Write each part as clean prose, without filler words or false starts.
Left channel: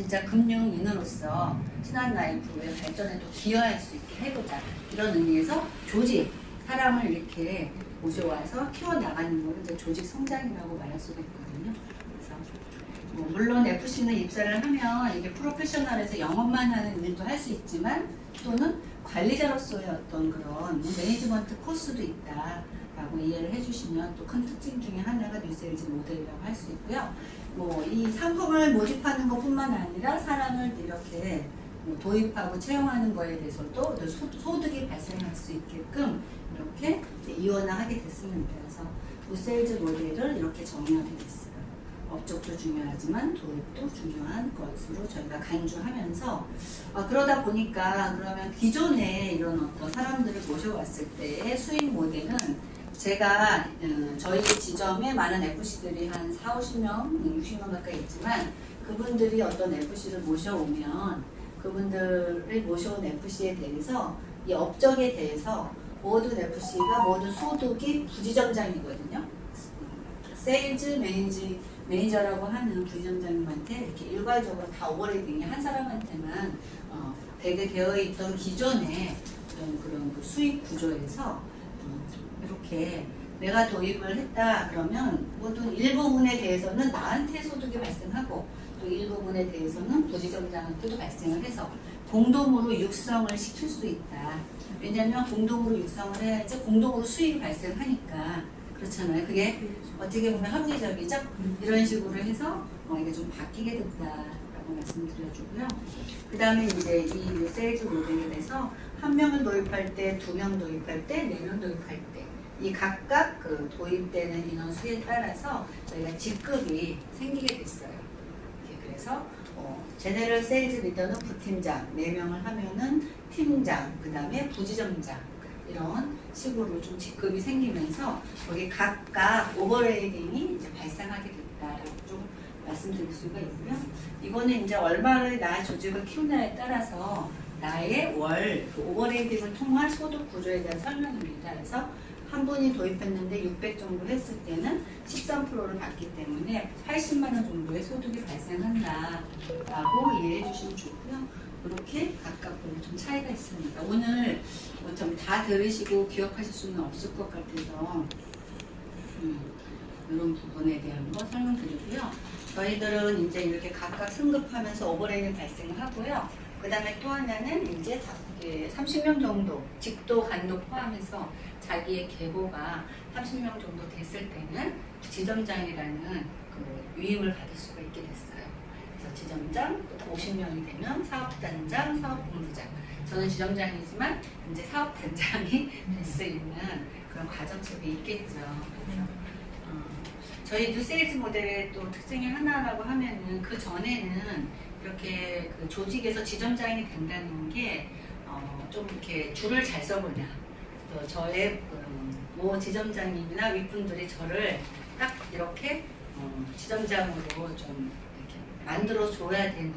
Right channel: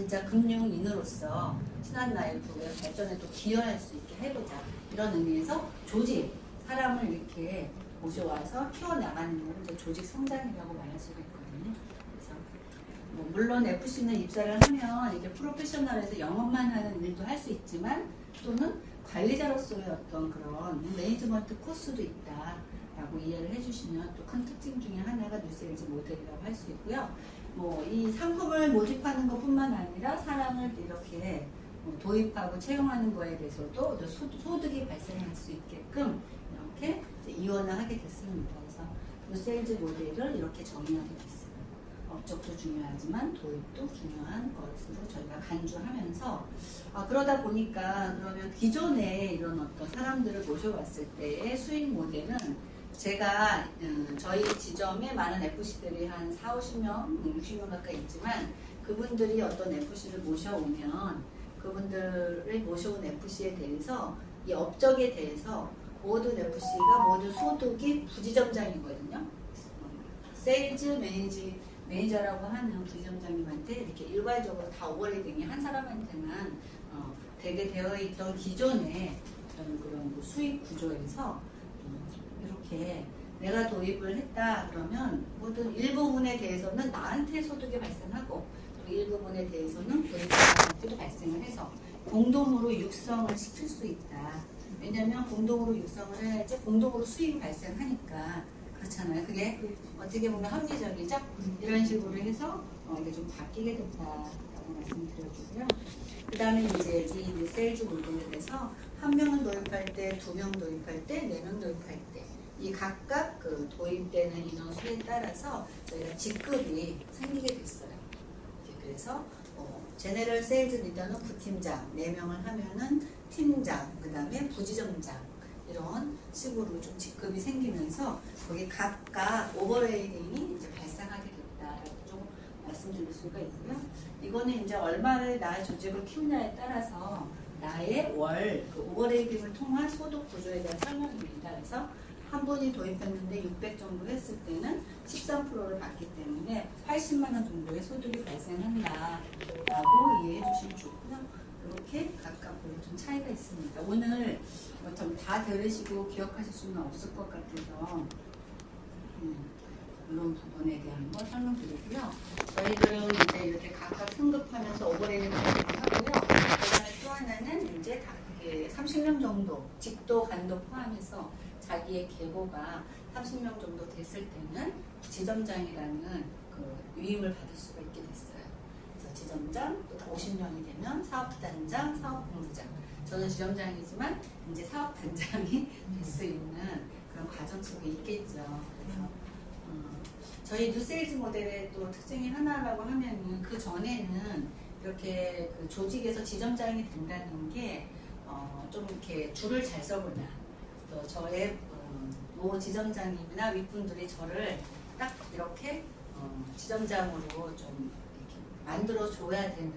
진짜 금융인으로서 신한라이프의 발전에 또 기여할 수 있게 해보자, 이런 의미에서 조직, 사람을 이렇게 모셔와서 키워나가는 건 이제 조직 성장이라고 말할 수가 있거든요. 그래서 물론 FC는 입사를 하면 이게 프로페셔널에서 영업만 하는 일도 할 수 있지만, 또는 관리자로서의 어떤 그런 매니지먼트 코스도 있다라고 이해를 해주시면 또 큰 특징 중에 하나가 뉴세일즈 모델이라고 할 수 있고요. 이 상품을 모집하는 것뿐만 아니라 사람을 이렇게 도입하고 채용하는 거에 대해서도 소득이 발생할 수 있게끔 이렇게 이원화하게 됐습니다. 그래서 뉴세일즈 모델을 이렇게 정의하게 됐어요. 업적도 중요하지만 도입도 중요한 것으로 저희가 간주하면서, 그러다 보니까 그러면 기존에 이런 어떤 사람들을 모셔왔을 때의 수익 모델은, 제가 저희 지점에 많은 FC들이 한 40~50명, 60명 가까이 있지만, 그분들이 어떤 FC를 모셔오면 그분들을 모셔온 FC에 대해서 이 업적에 대해서 모든 FC가 모두 소득이 부지점장이거든요. 세일즈 매니저라고 하는 부지점장님한테 이렇게 일괄적으로 다 오버레이딩이 한 사람한테만 되게 되어 있던 기존의 그런 수익 구조에서 이렇게 내가 도입을 했다 그러면 모든 일부분에 대해서는 나한테 소득이 발생하고, 또 일부분에 대해서는 부지점장한테도 발생을 해서 공동으로 육성을 시킬 수 있다. 왜냐하면 공동으로 육성을 해야지 공동으로 수익이 발생하니까. 그렇잖아요. 그게 어떻게 보면 합리적이죠. 이런 식으로 해서 이게 좀 바뀌게 된다라고 말씀드려주고요. 그 다음에 이제 이 세일즈 모델에 대해서 1명을 도입할 때, 2명 도입할 때, 4명 도입할 때, 이 각각 그 도입되는 인원수에 따라서 저희가 직급이 생기게 됐어요. 그래서 제너럴 세일즈 리더는 부팀장, 4명을 하면은 팀장, 그 다음에 부지점장, 이런 식으로 좀 직급이 생기면서 거기 각각 오버레이딩이 이제 발생하게 됐다라고 좀 말씀드릴 수가 있고요. 이거는 이제 얼마를 나의 조직을 키우냐에 따라서 나의 월 그 오버레이딩을 통한 소득 구조에 대한 설명입니다. 그래서 한 분이 도입했는데 600 정도 했을 때는 13%를 받기 때문에 80만 원 정도의 소득이 발생한다라고 이해해 주시면 좋고요. 이렇게 각각 보면 좀 차이가 있습니다. 오늘 좀 다 들으시고 기억하실 수는 없을 것 같아서 이런 부분에 대한 거 설명드리고요. 저희들은 이제 이렇게 각각 승급하면서 오버레이딩 발생하고요. 그 다음에 또 하나는 이제 30명 정도, 직도, 간도 포함해서 자기의 계보가 30명 정도 됐을 때는 지점장이라는 그 위임을 받을 수가 있게 됐어요. 그래서 지점장, 50명이 되면 사업단장, 사업본부장. 저는 지점장이지만 이제 사업단장이 될 수 있는 그런 과정책이 있겠죠. 그래서 저희 뉴세일즈 모델의 또 특징이 하나라고 하면은, 그 전에는 이렇게 그 조직에서 지점장이 된다는 게 좀 이렇게 줄을 잘 서보냐, 또 저의 모 지점장님이나 윗분들이 저를 딱 이렇게 지점장으로 좀 이렇게 만들어 줘야 되는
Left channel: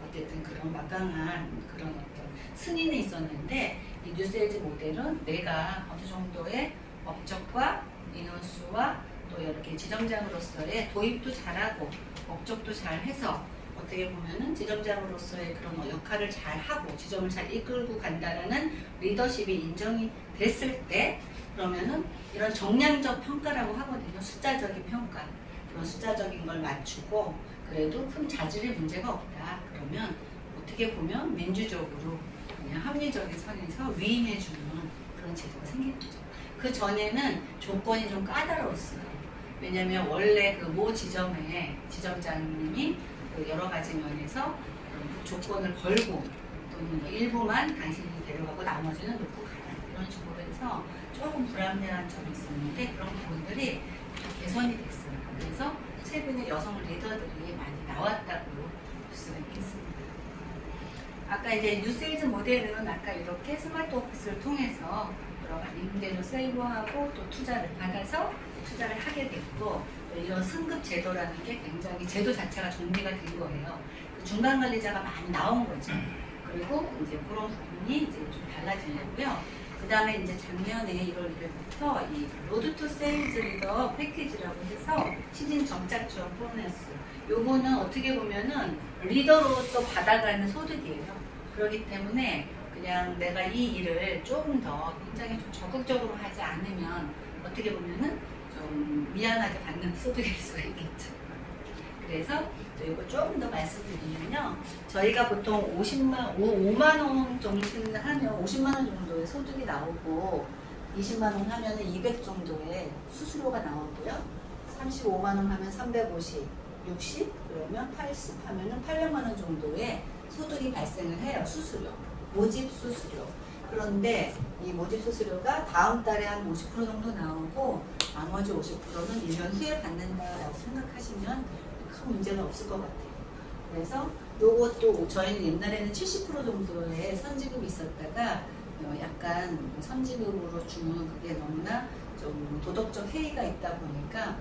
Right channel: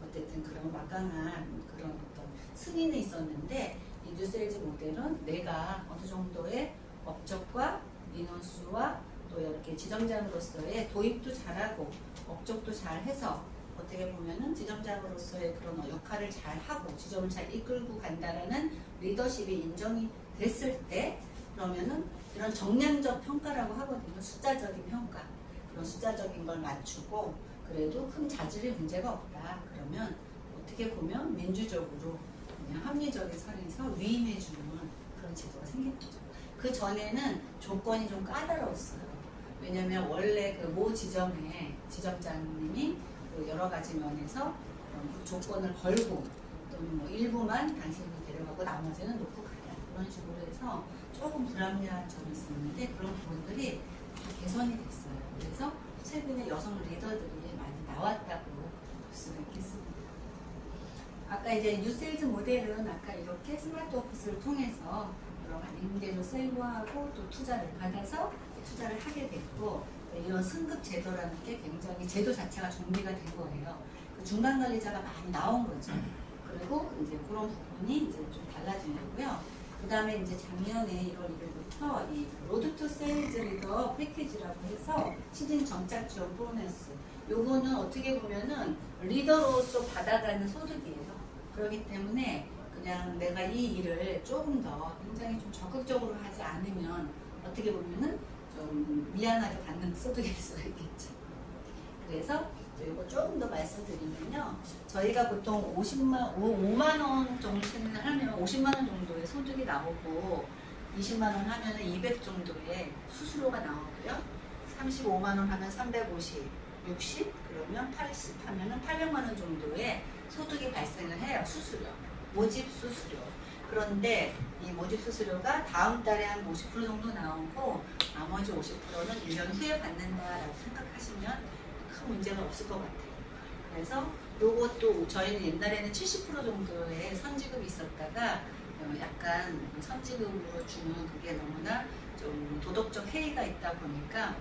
어쨌든 그런 막강한 그런 어떤 승인이 있었는데, 이 뉴세일즈 모델은 내가 어느 정도의 업적과 인원수와 또 이렇게 지점장으로서의 도입도 잘하고 업적도 잘해서 어떻게 보면은 지점장으로서의 그런 역할을 잘하고 지점을 잘 이끌고 간다라는 리더십이 인정이 됐을 때, 그러면은 이런 정량적 평가라고 하거든요. 숫자적인 평가. 그런 숫자적인 걸 맞추고 그래도 큰 자질의 문제가 없다. 그러면 어떻게 보면 민주적으로 그냥 합리적인 선에서 위임해주는 그런 제도가 생기는 거죠. 그 전에는 조건이 좀 까다로웠어요. 왜냐면 원래 그 모 지점의 지점장님이 여러 가지 면에서 조건을 걸고, 또는 뭐 일부만 당신이 데려가고 나머지는 놓고 가라, 이런 식으로 해서 조금 불합리한 점이 있었는데, 그런 부분들이 개선이 됐어요. 그래서 최근에 여성 리더들이 많이 나왔다고 볼 수가 있겠습니다. 아까 이제 뉴세일즈 모델은 아까 이렇게 스마트 오피스를 통해서 여러 가지 임대료 세이브하고 또 투자를 받아서 투자를 하게 됐고, 이런 승급 제도라는 게 굉장히 제도 자체가 정비가 된 거예요. 중간 관리자가 많이 나온 거죠. 그리고 이제 그런 부분이 이제 좀 달라지려고요. 그 다음에 이제 작년에 1월 1일부터 이 로드 투 세일즈 리더 패키지라고 해서 시즌 정착 지원 보너스, 요거는 어떻게 보면은 리더로서 받아가는 소득이에요. 그렇기 때문에 그냥 내가 이 일을 조금 더 굉장히 좀 적극적으로 하지 않으면 어떻게 보면은 좀 미안하게 받는 소득일 수가 있겠죠. 그래서 이거 조금 더 말씀드리면요. 저희가 보통 5만 원 정도 하면 50만 원 정도의 소득이 나오고 20만 원 하면 200 정도의 수수료가 나오고요. 35만 원 하면 350, 60 그러면 80 하면은 800만 원 정도의 소득이 발생을 해요. 수수료, 모집 수수료. 그런데 이 모집 수수료가 다음 달에 한 50% 정도 나오고 나머지 50%는 1년 후에 받는다라고 생각하시면 큰 문제가 없을 것 같아요. 그래서 요것도 저희는 옛날에는 70% 정도의 선지급이 있었다가 약간 선지급으로 주는 그게 너무나 좀 도덕적 해이가 있다 보니까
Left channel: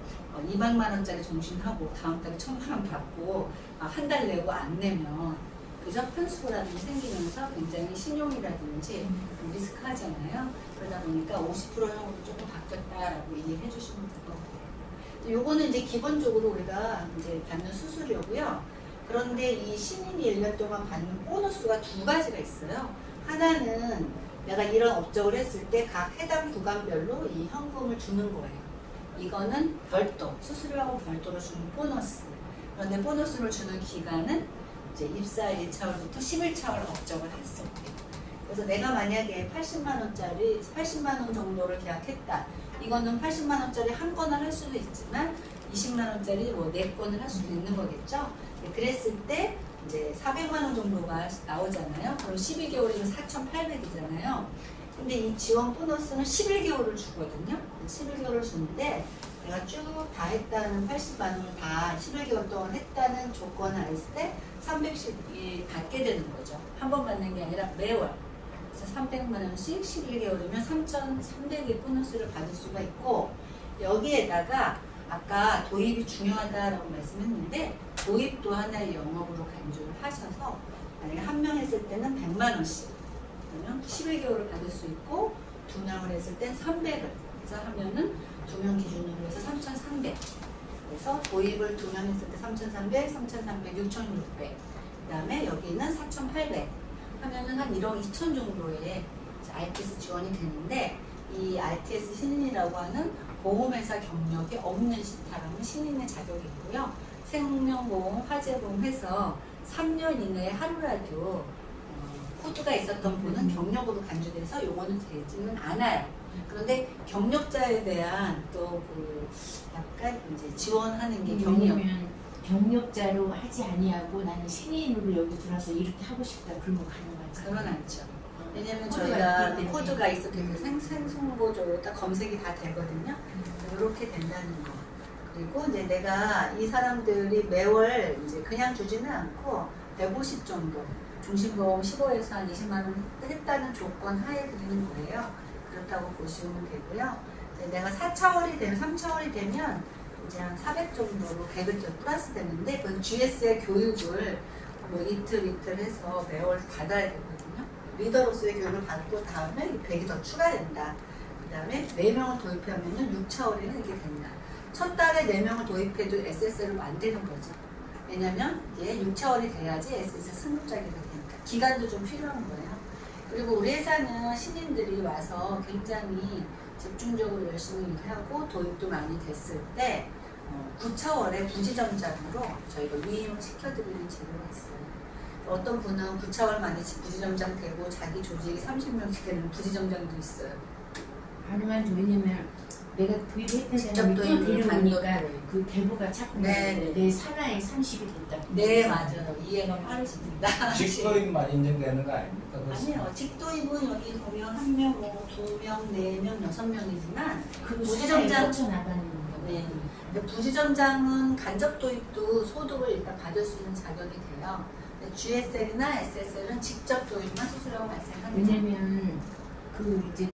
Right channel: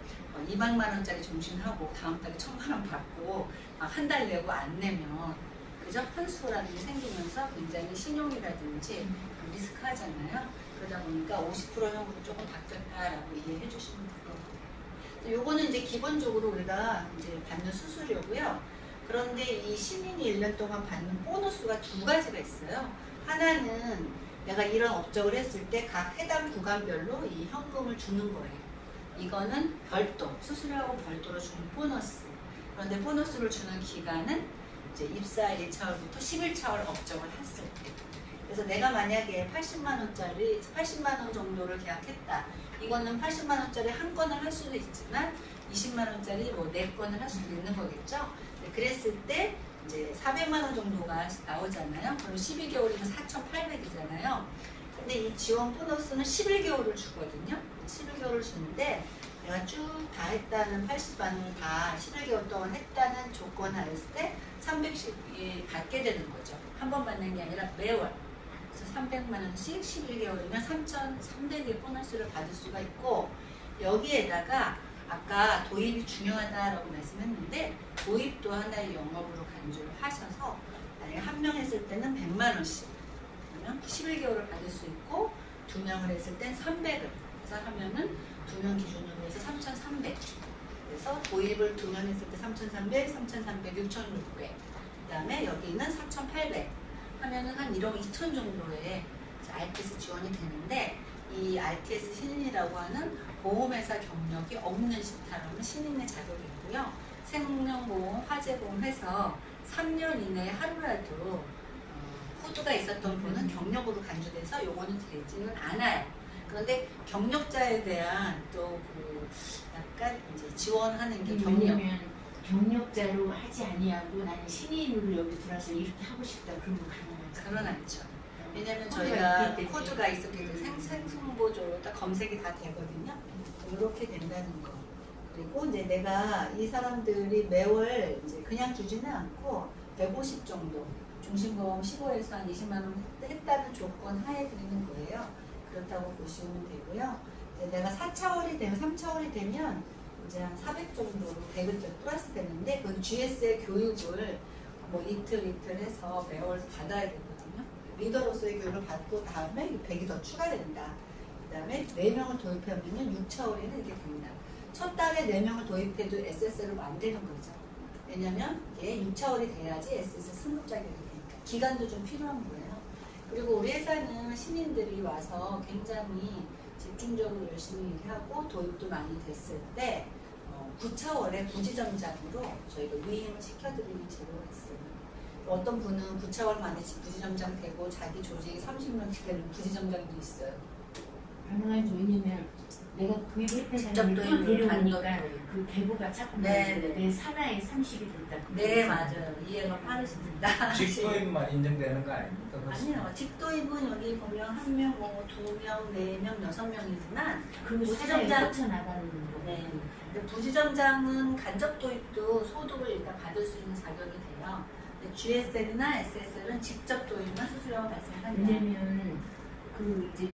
200만 원짜리 종신하고 다음 달에 1000만 원 받고 한 달 내고 안 내면 그죠? 편수라든지 생기면서 굉장히 신용이라든지 리스크하잖아요. 그러다 보니까 50% 정도 조금 바뀌었다라고 이해해 주시면 될 것 같아요. 요거는 이제 기본적으로 우리가 이제 받는 수수료고요. 그런데 이 신인이 1년 동안 받는 보너스가 두 가지가 있어요. 하나는 내가 이런 업적을 했을 때 각 해당 구간별로 이 현금을 주는 거예요. 이거는 별도, 수수료하고 별도로 주는 보너스. 그런데 보너스를 주는 기간은 이제 입사 1차월부터 11차월 업적을 했을 때. 그래서 내가 만약에 80만 원 정도를 계약했다. 이거는 80만 원짜리 한 건을 할 수도 있지만 20만 원짜리 뭐 4건을 할 수도 있는 거겠죠. 그랬을 때 이제 400만 원 정도가 나오잖아요. 그럼 12개월이면 4,800이잖아요. 근데 이 지원 보너스는 11개월을 주거든요. 11개월을 주는데 내가 쭉 다 했다는 80만 원을 다 11개월 동안 했다는 조건을 알았을 때 300씩 받게 되는 거죠. 한 번 받는 게 아니라 매월. 그래서 300만 원씩 11개월이면 3,300의 보너스를 받을 수가 있고 여기에다가 아까 도입이 중요하다라고 말씀했는데 도입도 하나의 영업으로 간주를 하셔서 만약에 한 명 했을 때는 100만 원씩 그러면 11개월을 받을 수 있고 2명을 했을 땐 300을 그래서 하면은 2명 기준으로 해서 3,300 그래서 도입을 2명 했을 때 3,300, 3,300, 6,600 그 다음에 여기는 4,800 하면은 한 1억 2천 정도의 RTS 지원이 되는데 이 RTS 신인이라고 하는 보험회사 경력이 없는 사람은 신인의 자격이 있고요. 생명보험, 화재보험 해서 3년 이내에 하루라도 후두가 있었던 분은 경력으로 간주돼서 요거는 되지는 않아요. 그런데 경력자에 대한 또 그 약간 이제 지원하는 게 왜냐면 경력자로 하지 아니하고 나는 신인으로 여기 들어와서 이렇게 하고 싶다 그런 거 가능하지? 그건 않죠. 왜냐면 저희가 코드가 있었기 때문에 생승보조로 딱 검색이 다 되거든요. 이렇게 된다는 거. 그리고 이제 내가 이 사람들이 매월 이제 그냥 주지는 않고 150 정도 종신보험 15에서 한 20만 원 했다는 조건 하에 드리는 거예요. 그렇다고 보시면 되고요. 내가 4차월이 되면 3차월이 되면 이제 한 400 정도로 100을 더 플러스 되는데 그건 GS의 교육을 뭐 이틀 해서 매월 받아야 되거든요. 리더로서의 교육을 받고 다음에 100이 더 추가된다. 그 다음에 4명을 도입하면 6차월에는 이게 된다. 첫 달에 4명을 도입해도 SSL을 안 되는 거죠. 왜냐면 이게 6차월이 돼야지 SSL 승급 자격이 되니까. 기간도 좀 필요한 거예요. 그리고 우리 회사는 신인들이 와서 굉장히 집중적으로 열심히 일하고 도입도 많이 됐을 때 9차월에 부지점장으로 저희가 위임을 시켜드리는 제도가 있어요. 어떤 분은 9차월 만에 부지점장 되고 자기 조직이 30명씩 되는 부지점장도 있어요. 가능한지 왜냐면 내가 도입했던 사람이 또 데려오니까 그 계보가 자꾸 내 산하에 30이 됐다. 네 맞아요. 이해가 빠르십니다. 직도입만 인정되는 거 아닙니까? 아니요. 직도입은 여기 보면 1명, 뭐 2명, 4명, 6명이지만 그 부지점장 나가는 거. 네. 근데 부지점장은 간접 도입도 소득을 일단 받을 수 있는 자격이 돼요. 근데 GSL이나 SSL은 직접 도입만 수수료가 발생합니다. 왜냐면 그 이제